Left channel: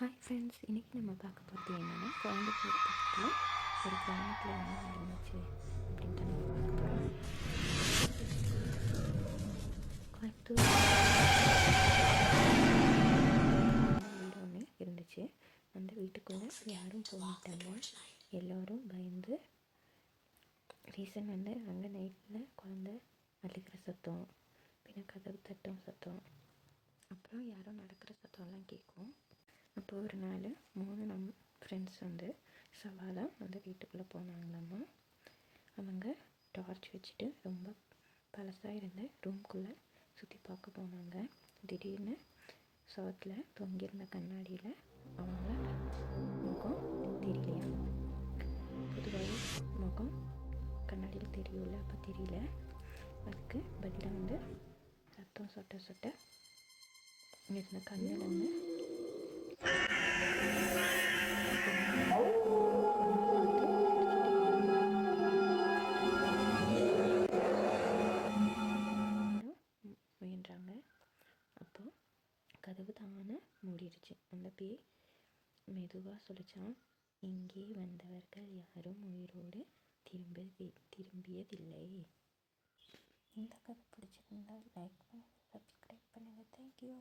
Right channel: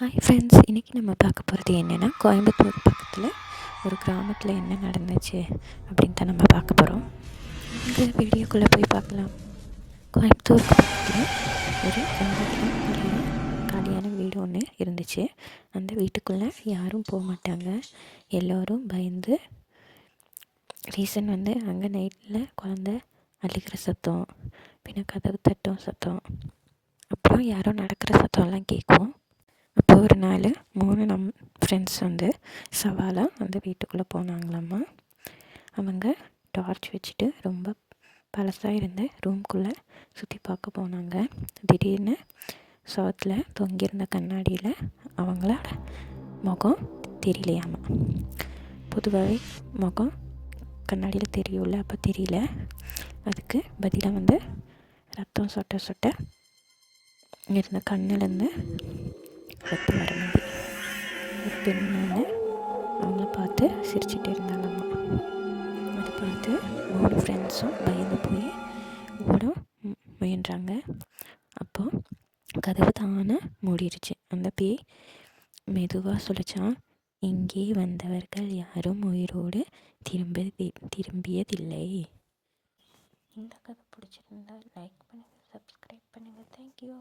Hi friends, இன்றைக்கி நம்ம பார்க்க போகிறது என்னென்னா, கோயம்புத்தூர் பக்கத்தில் ஒரு கிராமத்தில் என்ன நடந்துச்சு அப்படின்னு தான் நம்ம பார்க்க போகிறோம். இந்த வீடியோக்குள்ளே போய் பார்க்கலாம். கோயம்புத்தூர் பக்கத்தில் ஒரு காலியான வீடு ஒன்று இருந்துச்சு. அந்த வீட்டுக்குள்ளே யாரும் போக மாட்டாங்க. எல்லோரும் பயந்து. ரீசன் அங்கே நைட்டில் குழந்த அழுகிற சத்தம், பின்ன கதவு தட்டும் சத்தம், அப்புறம் யாரோ நடக்கிற சத்தம்லாம் கேட்கும். அப்போ ஒரு நாள் 3 ஃப்ரெண்ட்ஸ் சவாலாக அந்த வீட்டுக்குள்ளே போனாங்களாம்மா. அவங்க டார்ச் வச்சுட்டு ரொம்ப பழசாக இருந்த ரூம்குள்ளே சுற்றி பார்க்க போனாங்க. திடீர்னு சோத்தில் தொங்கியிருந்த கண்ணாடியில் அவங்களோட முகம் தெரியலையாமா. பொதுவாகவே முகம் கண்ணாடியில் தெரியும்ல, அப்போ தெரியல. அதுக்கு பதிலாக ரத்தம் சொட்ட சொட்ட இருந்த கண்ணிலேருந்து ரத்தம் வரும்போது ஒரு பெண்ணு அவங்கள பார்த்து சிரிச்சுட்டு இருந்தாங்கம்மா. அதை பார்த்து 3 ஃப்ரெண்ட்ஸும் பயந்து போய் ஓட முயன்றாங்க. அப்போது கதவு தானே மூடிடுச்சு. அந்த பேய் மெதுவாக சொல்லிச்சான், இங்கே வந்தவர்கள் யாரும் உயிரோடு திரும்பியதில்லை. இந்த கதை பிடிச்சிருந்தா லைக் பண்ணுங்கள், சப்ஸ்கிரைப் பண்ணுங்கள். தேங்க்யூ.